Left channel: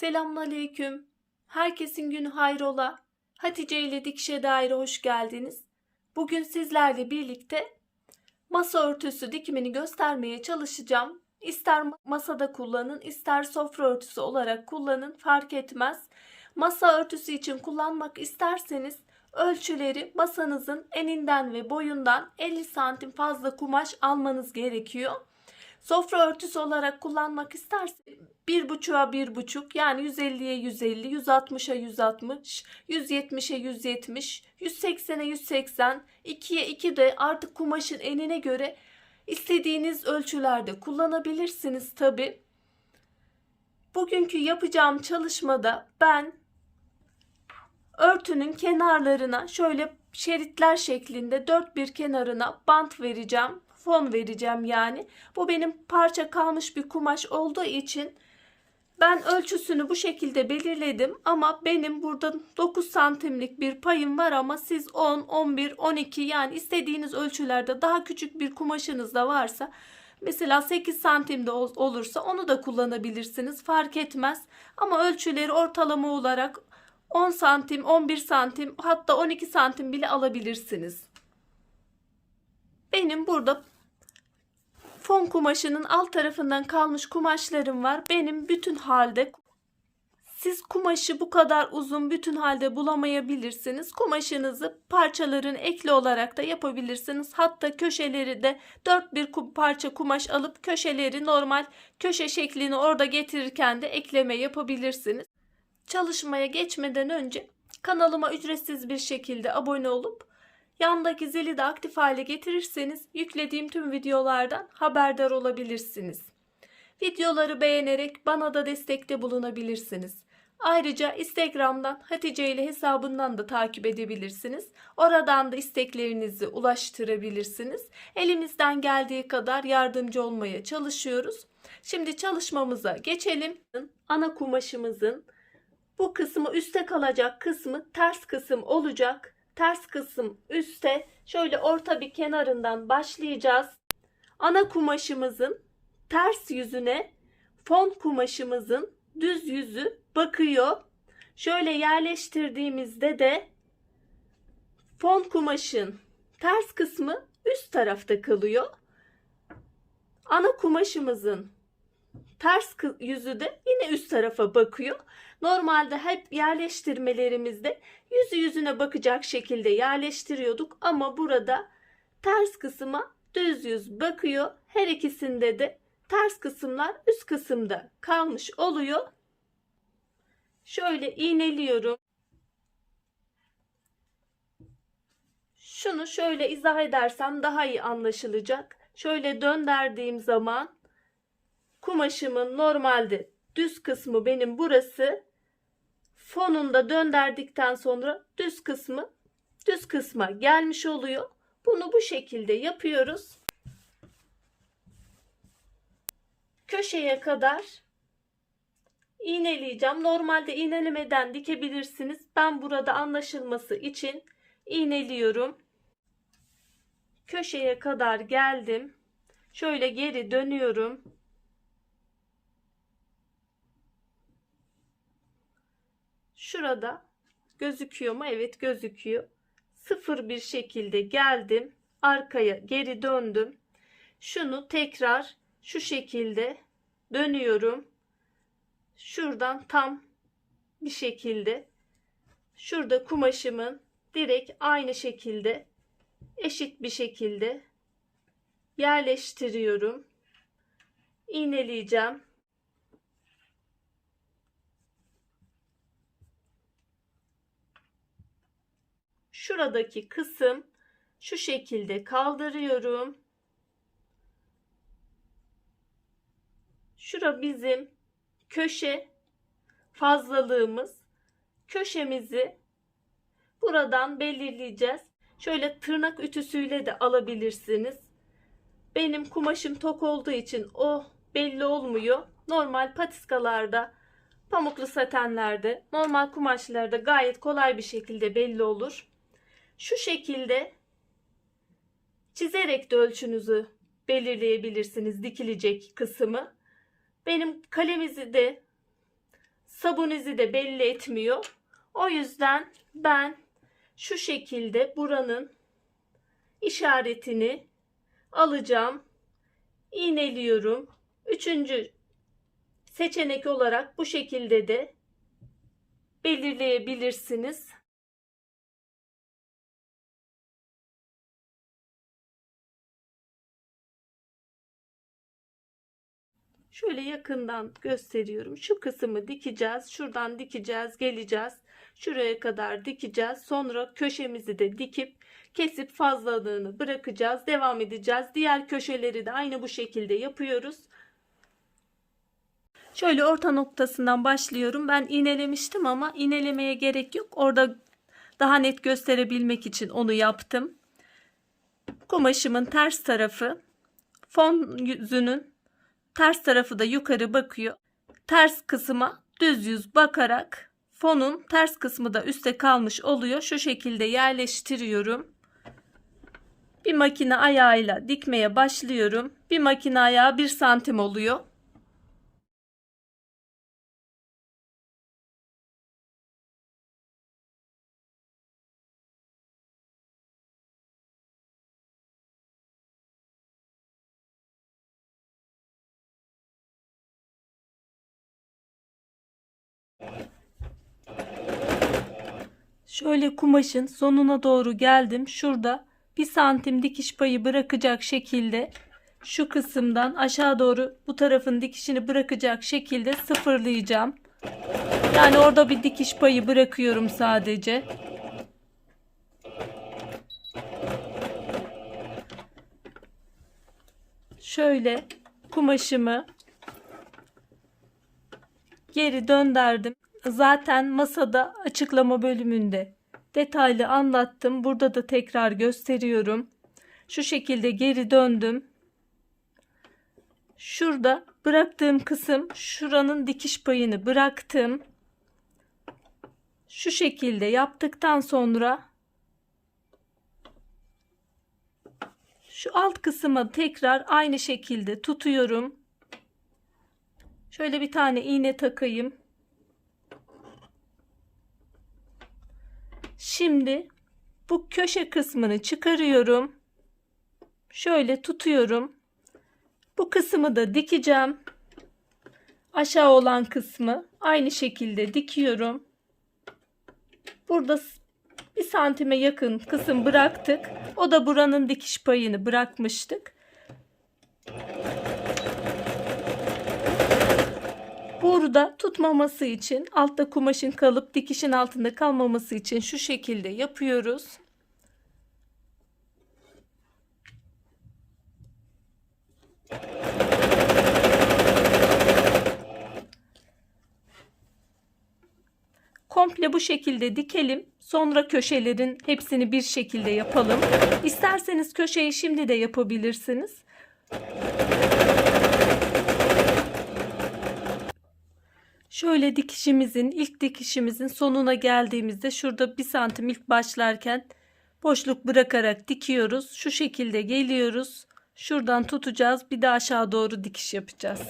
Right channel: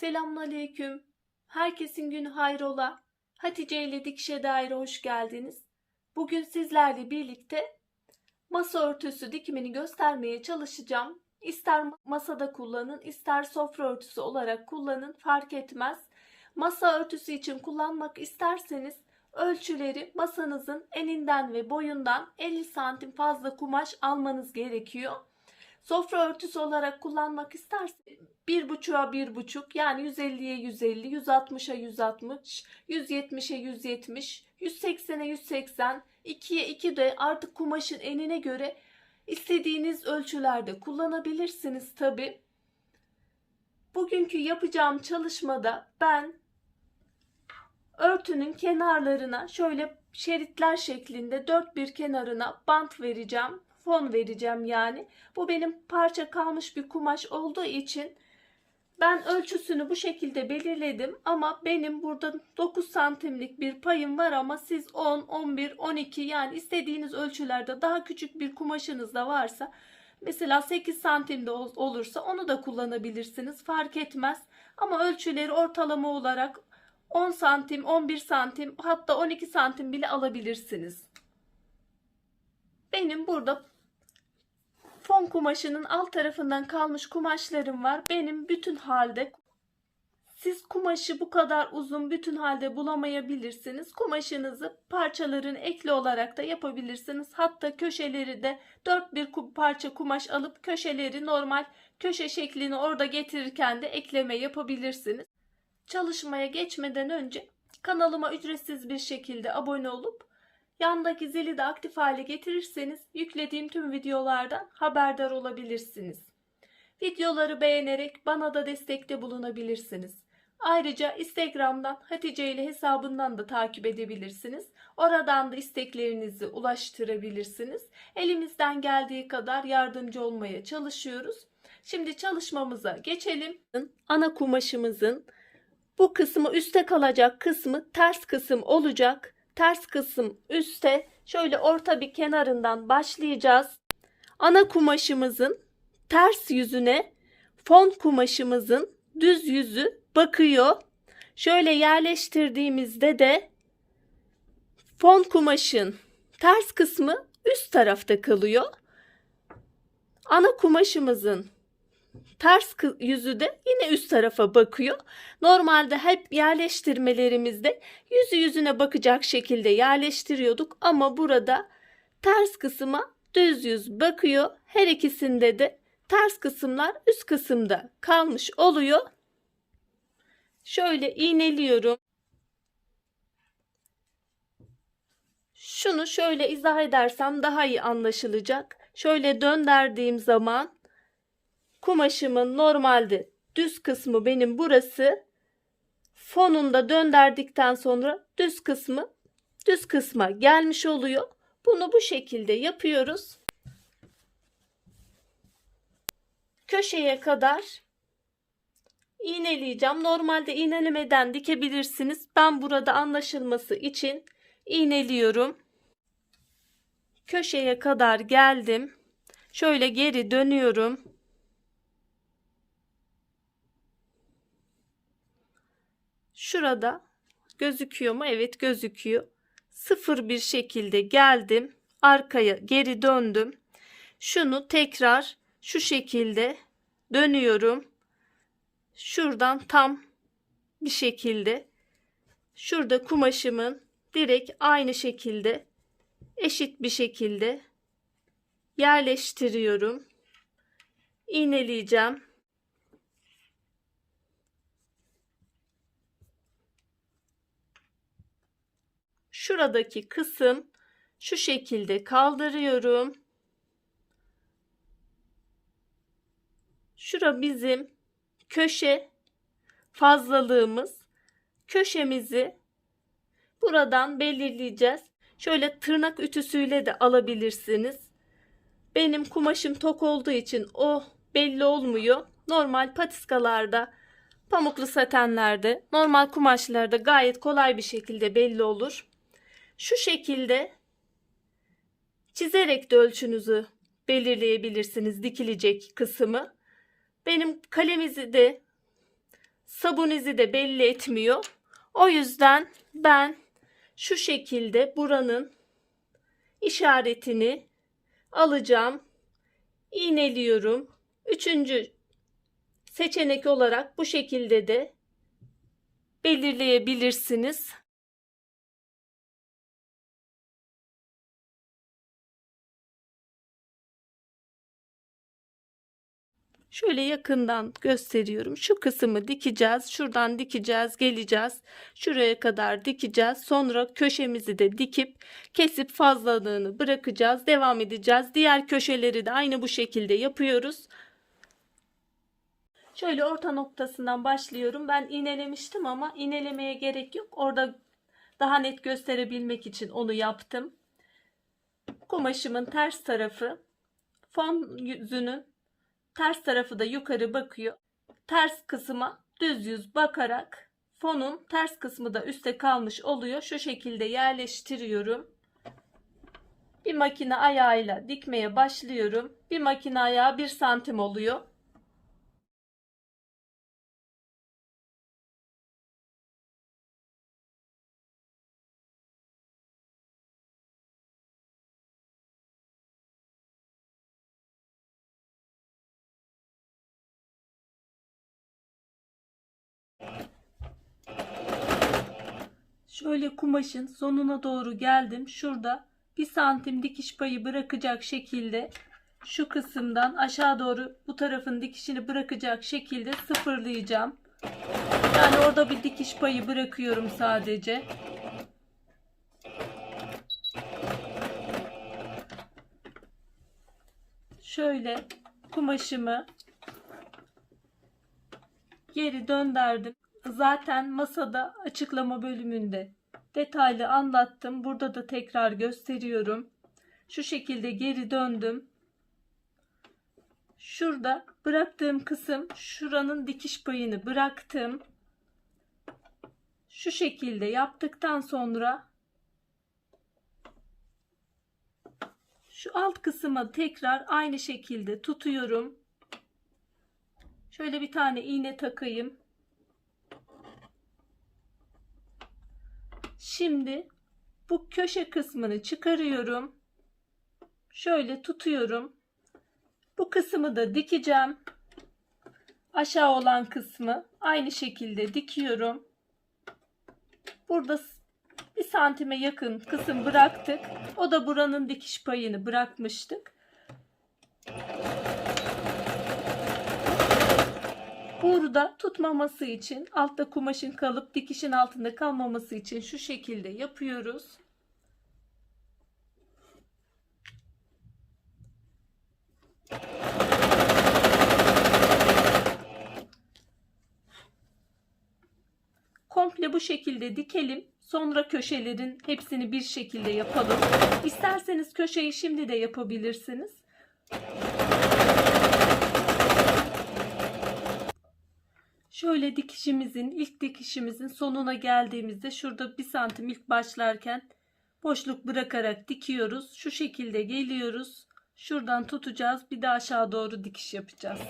Selamünaleyküm. Herkesin günü hayrola. Hatice ile Dikişe Dair'e hoş geldiniz. Bugün sizlerle birlikte masa örtüsü dikimini göstermeye çalışacağım. İster masada kullanın, ister sofra örtüsü olarak kullanın, fark etmez. Masa örtüsü için kullanmak isterseniz ölçüleri masanızın eninden ve boyundan 50 santim fazla kumaş almanız gerekiyor. Sofra örtüsü olarak kullanmak isterseniz 1,5'a 1,5 yani 150'ye 150, 160'a 160, 170'e 170, 180'e 180, 2'ye 2 de artık kumaşın enine göre istediğiniz ölçülerde kullanabilirsiniz tabi. Bugünkü yapacağım çalışmada ben örtünün kenarlarına şöyle şeritler şeklinde dört bir kenarına bant vereceğim. Fon vereceğim yani. Bu benim parça kalmış bir kumaş olduğu için ben ölçüsünü bu şekilde belirledim. Ama benim burada 9 santimlik bir payım var ama siz 10, 11, 12 yani istediğiniz ölçülerde daha küçük bir kumaşınız da varsa mesela 8 santimde olursa onu da kullanabilirsiniz. Fark etmez. Ama ölçüleri ortalama olarak 10 santim, 11 santim hatta 12 santim bile alabilirsiniz. Benim burada fon kumaşının alt tarafından kalmış kumaşlarım var. Benim bütün halde. Siz kumaşı bu kadar uzun bütün halde bulamayabilirsiniz. Kumaşınızı parçaların ekli olarak da yapabilirsiniz. Hatta köşeleri de 4 bir parça kumaş alıp köşeleri normal köşe şeklini orada getirirken de ekleme yapabilirsiniz. Çalışmaya geçmeden önce kanalıma ücretsiz bir şekilde abone olup yandaki zili de aktif hale getirirseniz yüklediğim tüm videolardan haberdar olabilirsiniz. Videoları beğenerek bana da destekte bulunabilirsiniz. Ayrıca Instagram'dan Hatice ile hesabından da takip edebilirsiniz. Oradan da isteklerinizi ulaştırabilirsiniz. Elimizden geldiği kadar yardımcı olmaya çalışıyoruz. Şimdi çalışmamıza geçelim. Ana kumaşımızın bu kısmı üstte kalacak kısmı ters kısım olacak. Ters kısım üstte şöyle orta bir kenarından başlayacağız. Ana kumaşımızın ters yüzüne fon kumaşımızın düz yüzü bakıyor. Şöyle yerleştirdiğimizde de fon kumaşın ters kısmı üst tarafta kalıyor. Ana kumaşımızın ters yüzü de yine üst tarafa bakıyor. Normalde hep yerleştirmelerimizde yüzü yüzüne bakacak şekilde yerleştiriyorduk ama burada ters kısma düz yüz bakıyor. Her ikisinde de ters kısımlar üst kısımda kalmış oluyor. Şöyle iğneliyorum. Şunu şöyle izah edersem daha iyi anlaşılacak. Şöyle döndürdüğüm zaman kumaşımın normalde düz kısmı benim burası. Fonunda döndürdükten sonra düz kısma gelmiş oluyor. Bunu bu şekilde yapıyoruz. Köşeye kadar iğneleyeceğim. Normalde iğnelemeden dikebilirsiniz. Ben burada anlaşılması için iğneliyorum. Köşeye kadar geldim. Şöyle geri dönüyorum. Şurada gözüküyor mu? Evet, gözüküyor. Sıfır bir şekilde geldim. Arkaya geri döndüm. Şunu tekrar şu şekilde dönüyorum. Şuradan tam bir şekilde şurada kumaşımın direkt aynı şekilde eşit bir şekilde yerleştiriyorum. İğneleyeceğim. Şuradaki kısım şu şekilde kaldırıyorum. Şura bizim köşe fazlalığımız. Köşemizi buradan belirleyeceğiz. Şöyle tırnak ütüsüyle de alabilirsiniz. Benim kumaşım tok olduğu için o belli olmuyor. Normal patiskalarda, pamuklu satenlerde, normal kumaşlarda gayet kolay bir şekilde belli olur. Şu şekilde çizerek de ölçünüzü belirleyebilirsiniz, dikilecek kısmı. Benim kalemizi de sabun izi de belli etmiyor. O yüzden ben şu şekilde buranın işaretini alacağım. İğneliyorum. Üçüncü seçenek olarak bu şekilde de belirleyebilirsiniz. Şöyle yakından gösteriyorum. Şu kısmı dikeceğiz. Şuradan dikeceğiz, geleceğiz. Şuraya kadar dikeceğiz. Sonra köşemizi de dikip kesip fazlalığını bırakacağız. Devam edeceğiz. Diğer köşeleri de aynı bu şekilde yapıyoruz. Şöyle orta noktasından başlıyorum. Ben iğnelemiştim ama iğnelemeye gerek yok. Orada daha net gösterebilmek için onu yaptım. Kumaşımın ters tarafı, fon yüzünün ters tarafı da yukarı bakıyor. Ters kısma düz yüz bakarak fonun ters kısmı da üstte kalmış oluyor. Şu şekilde yerleştiriyorum. Bir makine ayağıyla dikmeye başlıyorum. Bir makine ayağı 1 santim oluyor. Şöyle kumaşın sonuna doğru geldim. Şurada 1 santim dikiş payı bırakacak şekilde şu kısımdan aşağı doğru bu tarafın dikişini bırakacak şekilde sıfırlayacağım. Yani orada bir dikiş payı bırakıyorum sadece. Şöyle kumaşımı geri döndürdüm. Zaten masada açıklama bölümünde detaylı anlattım. Burada da tekrar gösteriyorum. Şu şekilde geri döndüm. Şurada bıraktığım kısım, şuranın dikiş payını bıraktım. Şu şekilde yaptıktan sonra şu alt kısmı tekrar aynı şekilde tutuyorum. Şöyle bir tane iğne takayım. Şimdi bu köşe kısmını çıkarıyorum. Şöyle tutuyorum. Bu kısmı da dikeceğim. Aşağı olan kısmı aynı şekilde dikiyorum. Burada 1 santime yakın kısım bıraktık. O da buranın dikiş payını bırakmıştık. Burada tutmaması için, altta kumaşın kalıp dikişin altında kalmaması için şu şekilde yapıyoruz. Komple bu şekilde dikelim. Sonra köşelerin hepsini bir şekilde yapalım. İsterseniz köşeyi şimdi de yapabilirsiniz. Şöyle ilk dikişimizin sonuna geldiğimizde şurada 1 santim ilk başlarken boşluk bırakarak dikiyoruz. Şu şekilde geliyoruz. Şuradan tutacağız. Bir de aşağı doğru dikiş yapacağız.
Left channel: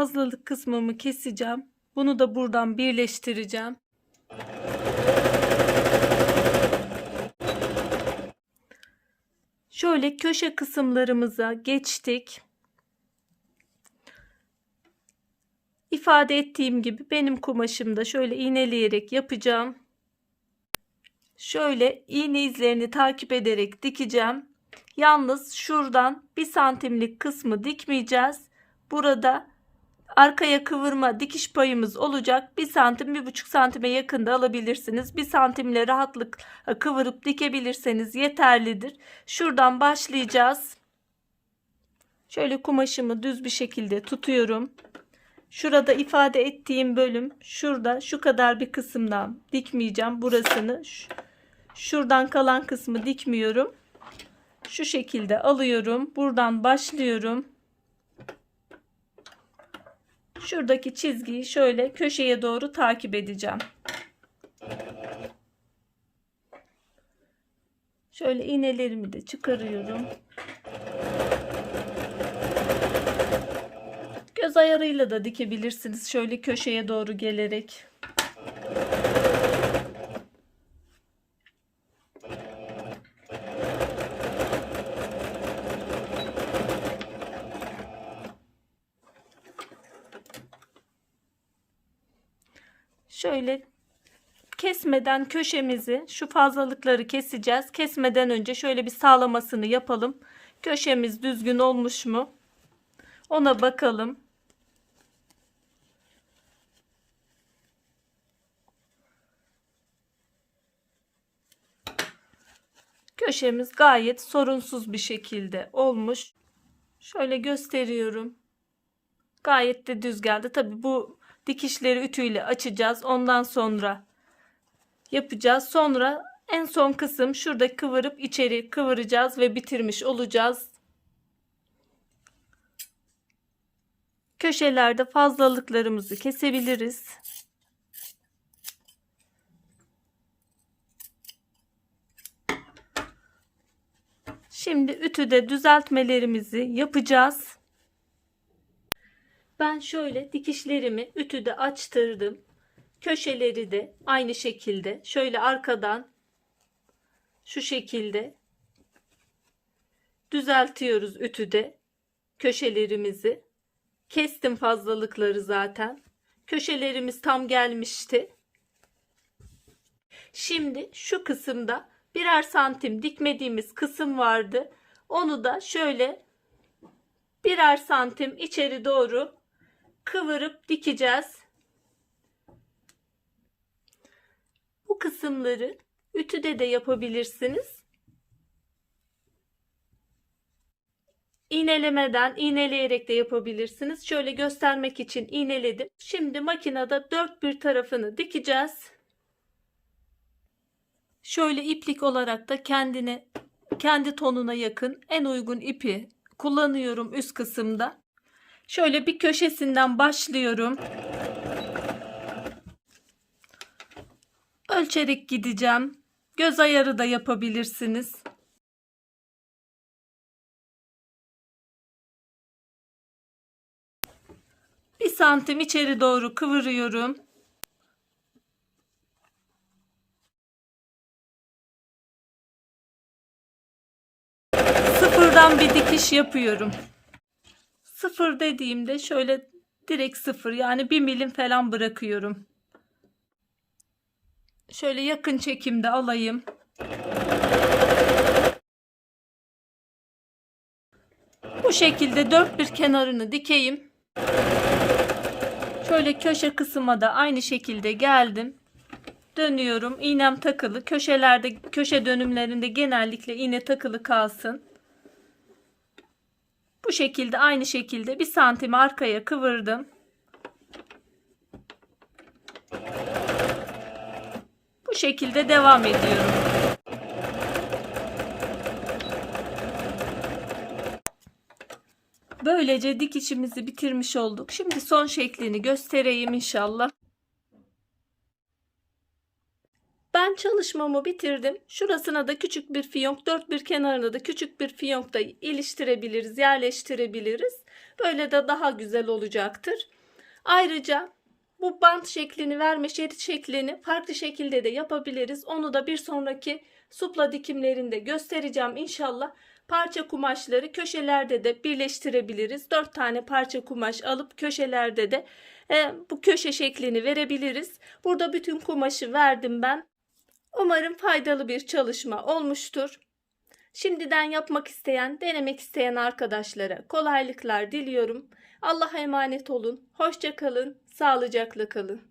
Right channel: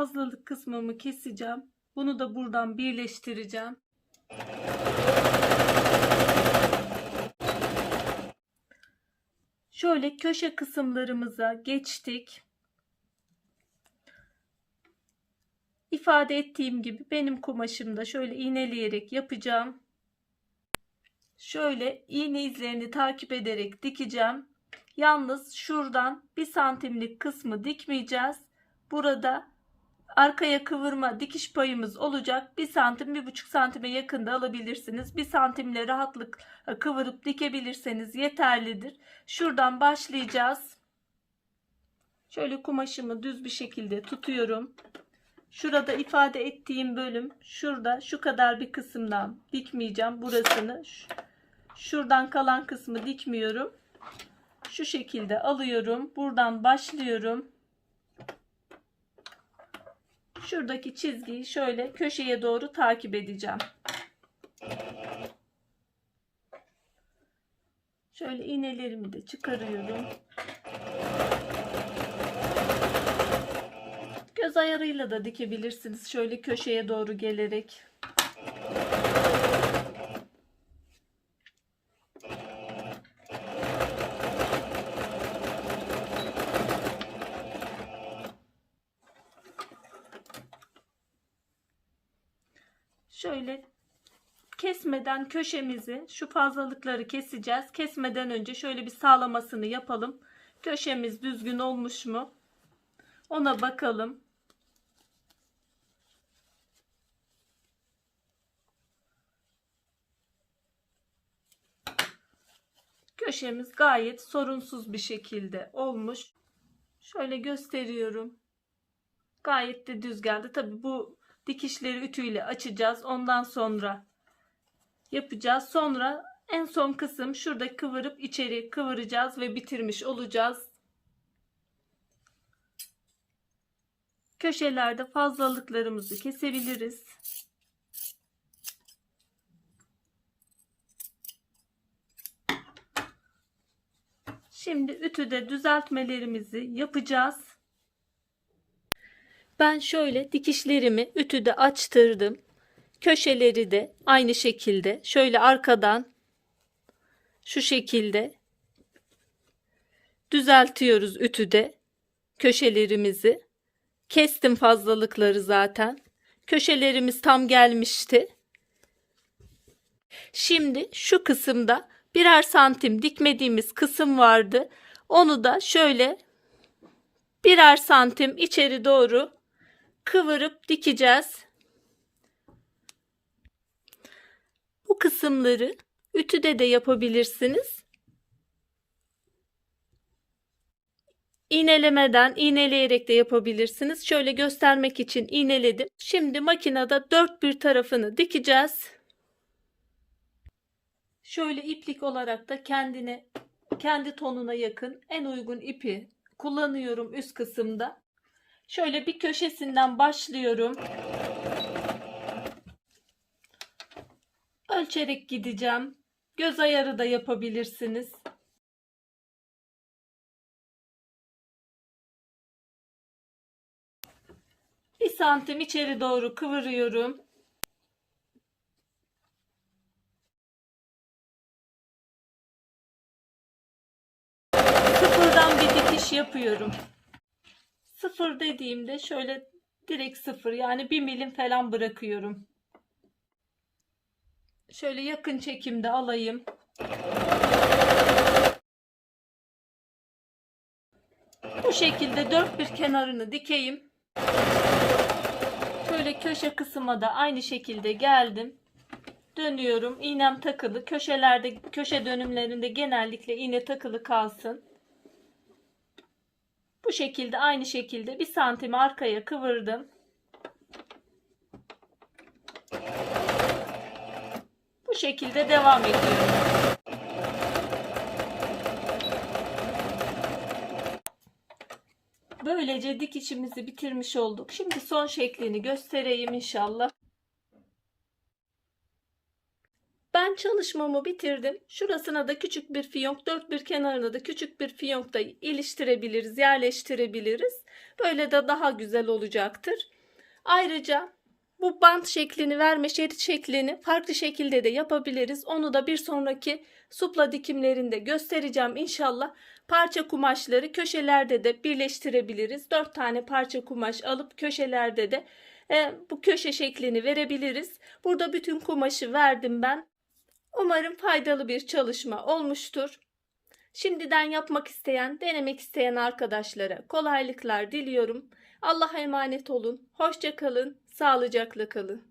Fazlalık kısmımı keseceğim. Bunu da buradan birleştireceğim. Şöyle köşe kısımlarımıza geçtik. İfade ettiğim gibi benim kumaşımda şöyle iğneleyerek yapacağım. Şöyle iğne izlerini takip ederek dikeceğim. Yalnız şuradan 1 santimlik kısmı dikmeyeceğiz. Burada arkaya kıvırma dikiş payımız olacak. 1 santim 1,5 santime yakında alabilirsiniz. 1 santimle rahatlıkla kıvırıp dikebilirseniz yeterlidir. Şuradan başlayacağız. Şöyle kumaşımı düz bir şekilde tutuyorum. Şurada ifade ettiğim bölüm şurada şu kadar bir kısımdan dikmeyeceğim. Burasını şuradan kalan kısmı dikmiyorum. Şu şekilde alıyorum. Buradan başlıyorum. Şuradaki çizgiyi şöyle köşeye doğru takip edeceğim. Şöyle iğnelerimi de çıkarıyorum. Göz ayarıyla da dikebilirsiniz. Şöyle köşeye doğru gelerek. Şöyle kesmeden köşemizi, şu fazlalıkları keseceğiz. Kesmeden önce şöyle bir sağlamasını yapalım. Köşemiz düzgün olmuş mu? Ona bakalım. Köşemiz gayet sorunsuz bir şekilde olmuş. Şöyle gösteriyorum. Gayet de düz geldi. Tabii bu dikişleri ütüyle açacağız. Ondan sonra yapacağız. Sonra en son kısım şurada kıvırıp içeri kıvıracağız ve bitirmiş olacağız. Köşelerde fazlalıklarımızı kesebiliriz. Şimdi ütüde düzeltmelerimizi yapacağız. Ben şöyle dikişlerimi ütüde açtırdım. Köşeleri de aynı şekilde şöyle arkadan şu şekilde düzeltiyoruz ütüde köşelerimizi. Kestim fazlalıkları zaten. Köşelerimiz tam gelmişti. Şimdi şu kısımda birer santim dikmediğimiz kısım vardı. Onu da şöyle birer santim içeri doğru kıvırıp dikeceğiz. Bu kısımları ütüde de yapabilirsiniz. İğnelemeden iğneleyerek de yapabilirsiniz. Şöyle göstermek için iğneledim. Şimdi makinede dört bir tarafını dikeceğiz. Şöyle iplik olarak da kendi tonuna yakın en uygun ipi kullanıyorum üst kısımda. Şöyle bir köşesinden başlıyorum. Ölçerek gideceğim. Göz ayarı da yapabilirsiniz. Bir santim içeri doğru kıvırıyorum. Sıfırdan bir dikiş yapıyorum. Sıfır dediğimde şöyle direkt sıfır, yani 1 milim falan bırakıyorum. Şöyle yakın çekimde alayım. Bu şekilde dört bir kenarını dikeyim. Şöyle köşe kısma da aynı şekilde geldim. Dönüyorum. İğnem takılı. Köşelerde, köşe dönümlerinde genellikle iğne takılı kalsın. Bu şekilde aynı şekilde bir santim arkaya kıvırdım. Bu şekilde devam ediyorum. Böylece dikişimizi bitirmiş olduk. Şimdi son şeklini göstereyim inşallah. Ben çalışmamı bitirdim. Şurasına da küçük bir fiyonk, dört bir kenarına da küçük bir fiyonk da iliştirebiliriz, yerleştirebiliriz. Böyle de daha güzel olacaktır. Ayrıca bu bant şeklini verme, şerit şeklini farklı şekilde de yapabiliriz. Onu da bir sonraki supla dikimlerinde göstereceğim inşallah. Parça kumaşları köşelerde de birleştirebiliriz. 4 tane parça kumaş alıp köşelerde de bu köşe şeklini verebiliriz. Burada bütün kumaşı verdim ben. Umarım faydalı bir çalışma olmuştur. Şimdiden yapmak isteyen, denemek isteyen arkadaşlara kolaylıklar diliyorum. Allah'a emanet olun. Hoşça kalın, sağlıcakla kalın.